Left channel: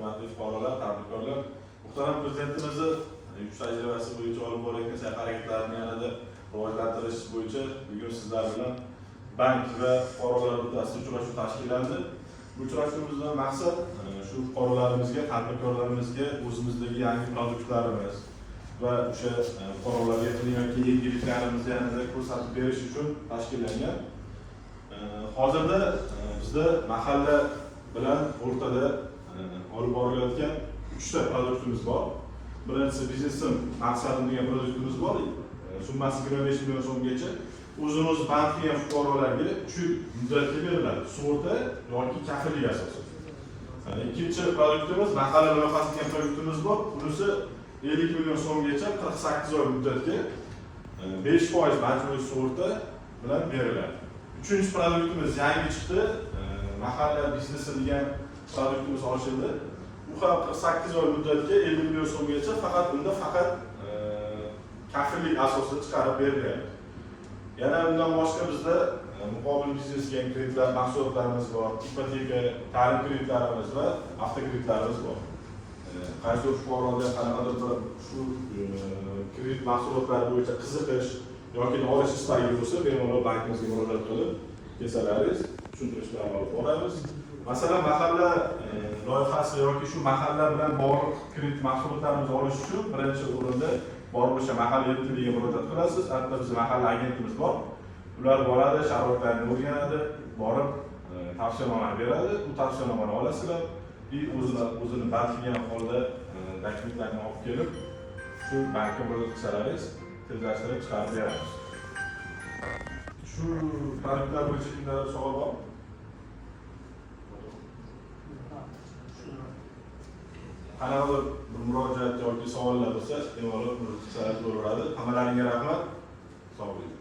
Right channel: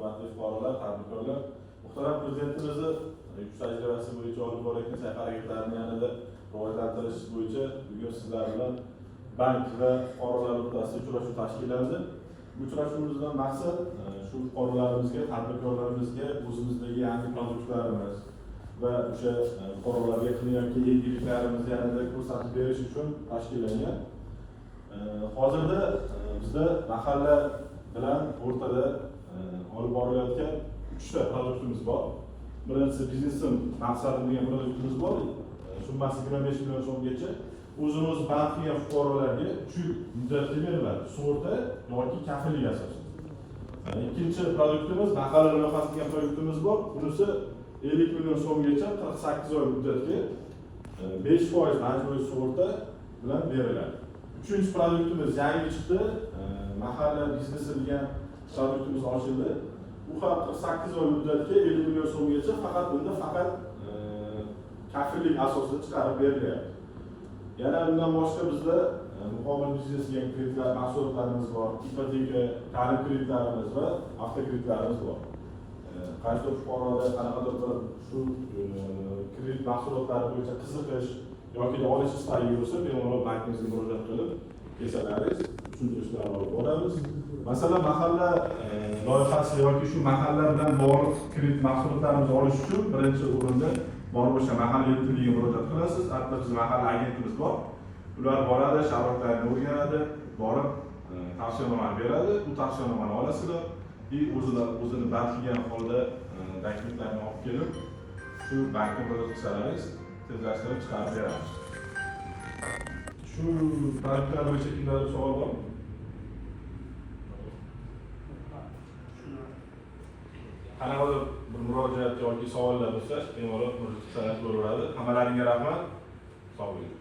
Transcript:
hurmatli fuqarolar, tadbirkorlar, muhtaram prezidentimizni yuk tajribasi bo'yicha olib borayotgan sa'y harakatlarini yanada rivojlantirish bo'yicha bugun sizlar bilan bank va fuqarolar o'rtasida uchrashuv tashkillandi. Bu uchrashuvimizdan maqsad shu fuqarolarimizga, tadbirkorlarimizga o'zimizdagi yangi produktlarimiz va o'sha fuqarolarga qilinayotgan yangiliklarimizni yanada ko'rsatib berish uchun tashkillangan. Hozirda bizda mahalla bilan o'rtada olib borilayotgan 3 ta produktimiz bor. Birinchisi biznesim maqsadim degan produktimiz bor. Summasi 25 million so'mgacha o'zimiz bank qilgan fuqarolarga 3 yil muddatga beriladi. Sug'urta yoki kafillik asosida. Ikkinchi produktimiz mahalla loyihasi degan produktimiz bor. Bunisi 50 million so'mgacha 48 oy muddatga 5% majburiy sug'urta bilan beriladi. Uchinchi produktimiz yangi chiqdi. Mahalla biznesi degan produktimiz ochildi. Bu ham 48 oy muddatga 50 million so'mgacha faqat kafillik asosida chiqarib beriladi. Yana bundan boshqa bizda muqobil biznes degan kreditlar, mahsulotlarimiz bor. Ipoteka, ta'lim kreditlarimiz va avtokreditlarimiz bor. Qaysi fuqaroda qanaqadir bir shu kredit mahsulotlari bo'yicha qiziqish yoki olish istagi bo'lsa, bemalol bankimizga murojaat qilib kelsalaringiz tushuntirishlarni olib boramiz. Masalan, mahalla loyihasi yoki shu mahalla bilan bog'liq kredit mahsulotlarimizni olish uchun birinchi o'rinda borib o'sha mahalla yetimiga murojaat qilasiz. Hatto bizning mahalla agentimiz bor. Ular boradi, sharoitlarni o'rganadi, borib tavsiyanomani beradi. Bu tavsiyanomani olasizlar. O'zini band qilgan holda dokumentlarni olib kelib, shu bankka murojaat qilsalaringiz tezlashtirib chiqarib beramiz. Shu tariflar bo'yicha kimlar savol bor? Qanaqadir bir murojaat yoki savollar bo'lsa, bemalol murojaat qilsangiz bo'laveradi. Hammalaringizga rahmat. Sog' bo'ling.